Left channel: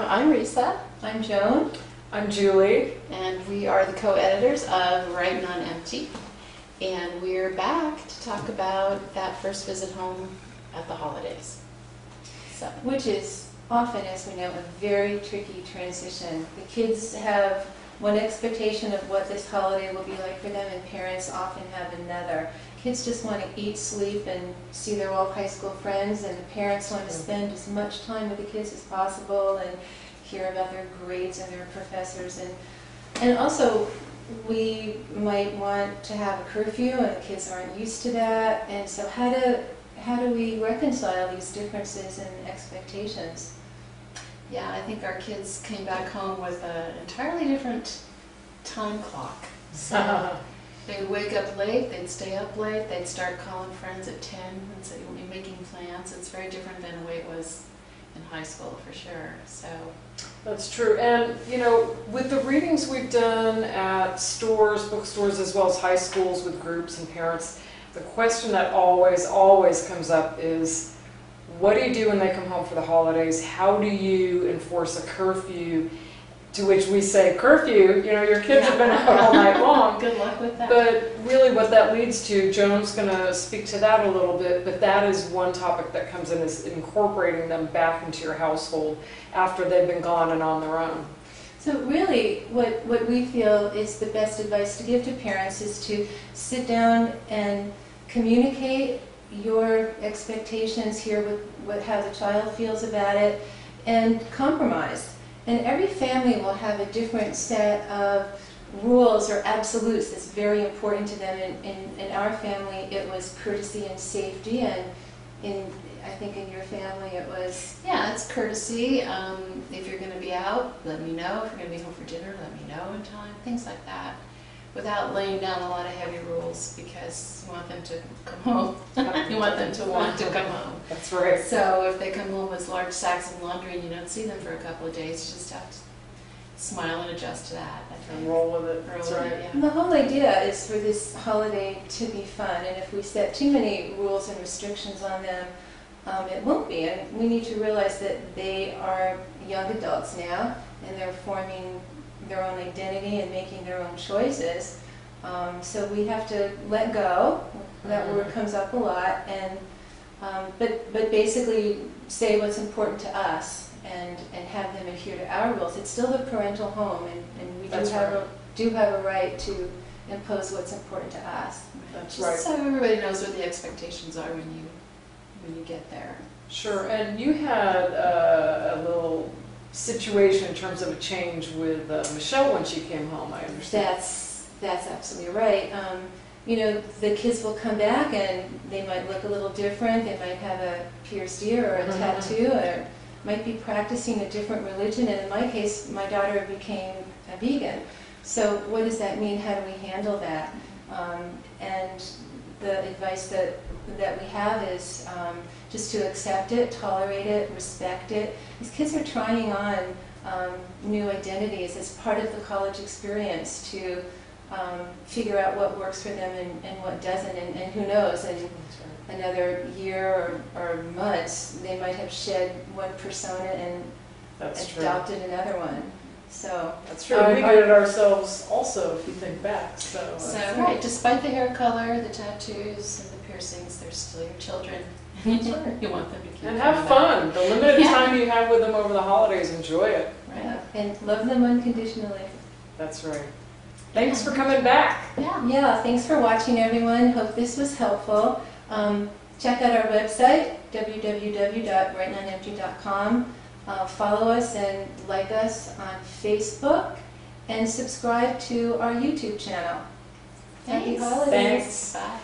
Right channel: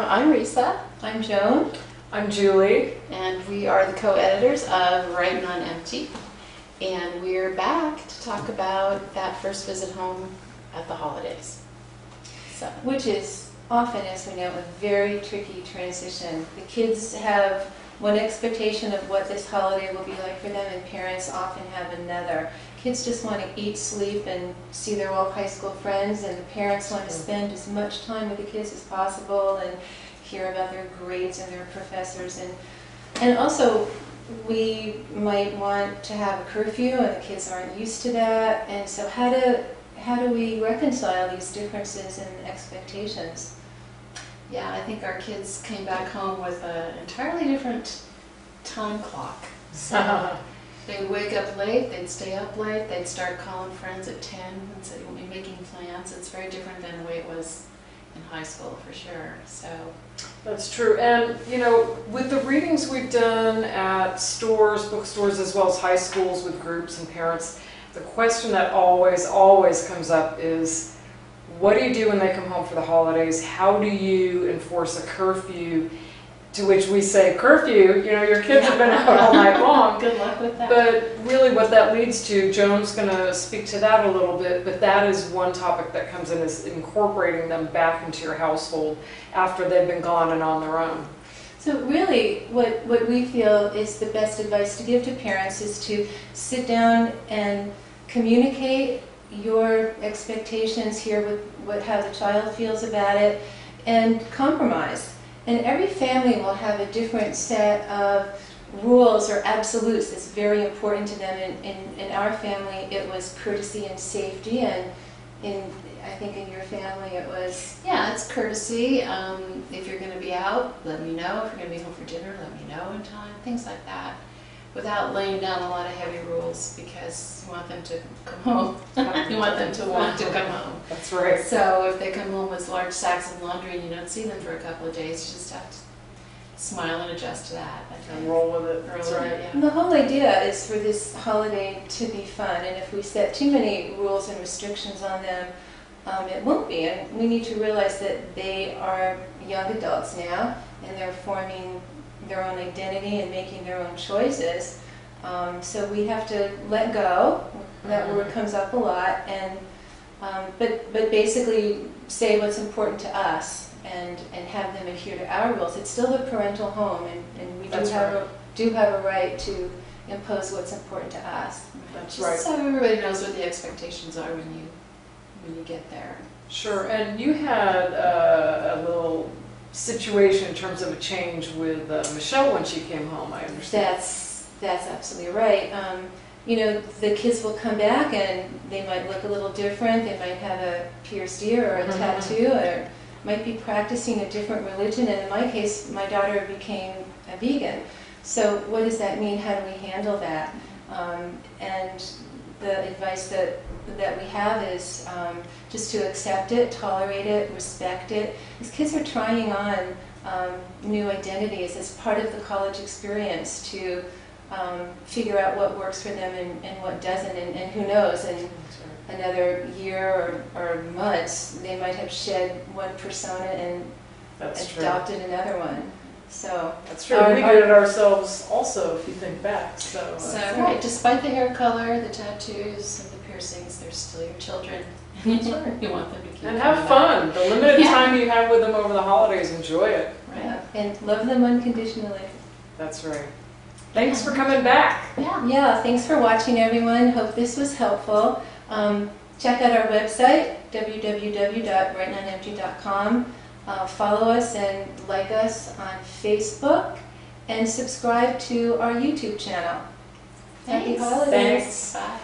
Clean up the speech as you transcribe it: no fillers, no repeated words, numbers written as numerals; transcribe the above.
I'm Risa. I'm Joan. I'm Julie. And we are the co-editors of Writin On Empty. And we're back to talk about that first visit home at the holidays. So, Which is often, as we know, a very tricky transition. The kids have one expectation of what this holiday will be like for them, and parents often have another. Kids just want to eat, sleep, and see their old high school friends, and the parents want to spend as much time with the kids as possible and hear about their grades and their professors. And also, we might want to have a curfew, and the kids aren't used to that. And so how do we reconcile these differences in expectations? yeah, I think our kids came back home with an entirely different time clock. So they'd wake up late, they'd stay up late, they'd start calling friends at 10 and say, we'll be making plans. It's very different than the way it was in high school, for sure. So That's true. And, you know, with the readings we've done at stores, bookstores, as well as high schools with groups and parents, the question that always comes up is, what do you do when they come home for the holidays? How do you enforce a curfew? To which we say, curfew, you know, your kids have been out all night long. good luck with that. But really what that leads to, Joan's going to speak to that a little bit, but that is one topic that comes in, is incorporating them back into your household after they've been gone and on their own. So really, what we feel is the best advice to give to parents is to sit down and communicate your expectations, hear how the child feels about it, and compromise. And every family will have a different set of rules or absolutes that's very important to them. In our family, it was courtesy and safety, and I think in your family it was... Yeah, it's courtesy. If you're going to be out, let me know. If you're going to be home for dinner, let me know in time. Things like that. Without laying down a lot of heavy rules, because you want them to come home. You want them to want to come home. That's right. So if they come home with large sacks of laundry and you don't see them for a couple of days, you just have to smile and adjust to that. I think. And roll with it. That's right. Yeah. And the whole idea is for this holiday to be fun, and if we set too many rules and restrictions on them, it won't be. And we need to realize that they are young adults now, and they're forming their own identity and making their own choices. So we have to let go. That word comes up a lot, and but basically say what's important to us and have them adhere to our rules. It's still the parental home, and we do have a right to impose what's important to us. That's Just right. so everybody knows what the expectations are when you get there. Sure. And you had a little situation in terms of a change with Michelle when she came home, I understand. That's absolutely right. You know, the kids will come back and they might look a little different. They might have a pierced ear or a tattoo, or might be practicing a different religion. And in my case, my daughter became a vegan. So what does that mean? How do we handle that? And the advice that we have is just to accept it, tolerate it, respect it. These kids are trying on new identities as part of the college experience to figure out what works for them and what doesn't, and who knows, in another year or months they might have shed one persona and adopted another one. So that's true. We did it ourselves also, if you think back. So right, despite the hair color, the tattoos, and the piercings, they're still your children. That's right. You want them to keep and have fun. The limited time you have with them over the holidays, enjoy it. Right. Yeah, and love them unconditionally. That's right. Thanks for coming back. Yeah, thanks for watching, everyone. Hope this was helpful. Check out our website, www.writinonemty.com. Follow us and like us on Facebook, and subscribe to our YouTube channel. Thanks. Happy holidays. Thanks. Bye.